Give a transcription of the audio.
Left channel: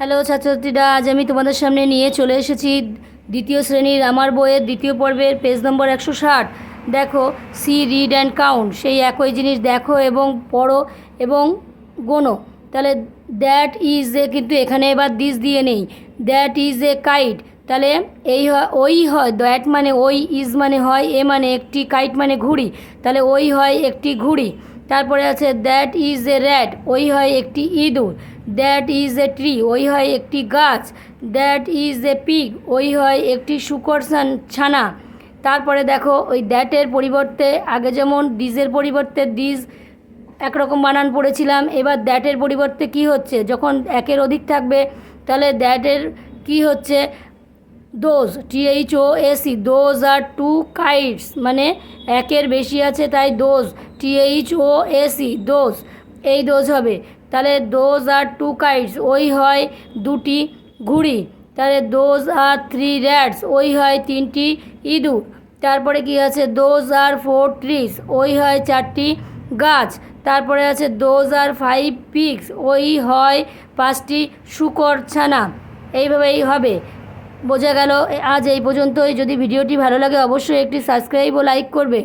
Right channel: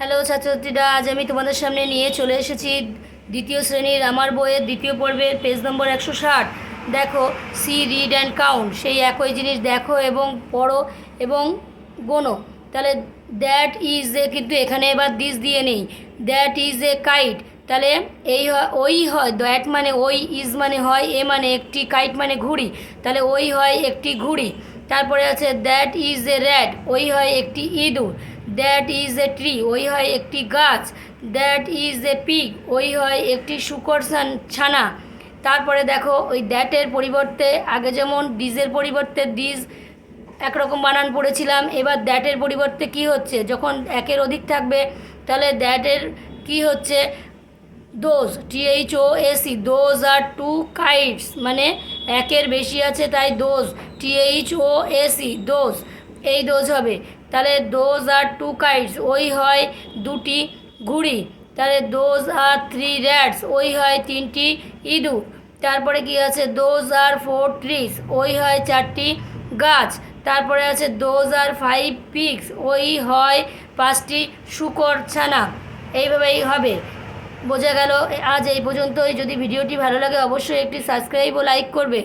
Hello ছাত্রছাত্রীরা, আজ আমি তোমাদের সামনে নিয়ে চলে এসেছি দ্বিতীয় শ্রেণীর আমার বইয়ের দ্বিতীয় পর্বের পেজ নম্বর 160। দেখো, সি রিড অ্যান্ড কাউন্ট, সেই একই জিনিস দেখো এবং পড়ো এবং গোনো। তাহলে দ্যাট ইজ এ, কিন্তু এখানে এবার দিস দিয়ে নেই, দ্যাট ইজ এ কাইট। তাহলে এই হয় ওই হয়, দ্যাট মানে ওই, ইজ মানে হয় এ মানে একটি, কাইট মানে ঘুড়ি, তাহলে ওই হয় একটি ঘুড়ি। তারপরে আছে দ্যাট ইজ এ র্যাট, ওই হয় একটি ইঁদুর। দ্যাট ইজ এ ট্রি, ওই হয় একটি গাছ। দ্যাট ইজ এ পিগ, ওই হয় একটি শূকর ছানা। তারপরে দেখো, ওই দ্যাটের পরিবর্তে আগে যেমন ডিজের পরিবর্তে ডিজ একরকম বানান পড়েছিলাম, এবার দ্যাটের পরিবর্তে কি হচ্ছে, যখন একের অধিক থাকবে তাহলে দ্যাটের কি হচ্ছে, those, THOAC, those are two kites, মানে একের বেশি আছে তাই দোজ, THOAC, দোজ, এই দোজ হবে। তাহলে দোজ আর টু কাইটস, ওই হয় দুটি ঘুড়ি। তাহলে দোজ আর থ্রি র্যাটস, ওই হয় তিনটি ইঁদুর। তারপরে কি আছে, দোজ আর ফোর ট্রিজ, ওই হয় চারটি গাছ। তারপরে আছে দোজ আর ফাইভ পিগস, ওই হয় পাঁচটি শূকর ছানা। এইভাবেই হবে। বোঝা গেল? আজ এই পর্যন্তই। যদি ভিডিওটি ভালো লাগে অবশ্যই একটি সাবস্ক্রাইব ও লাইক করবে।